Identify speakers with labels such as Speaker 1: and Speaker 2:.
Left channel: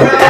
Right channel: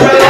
Speaker 1: Amen.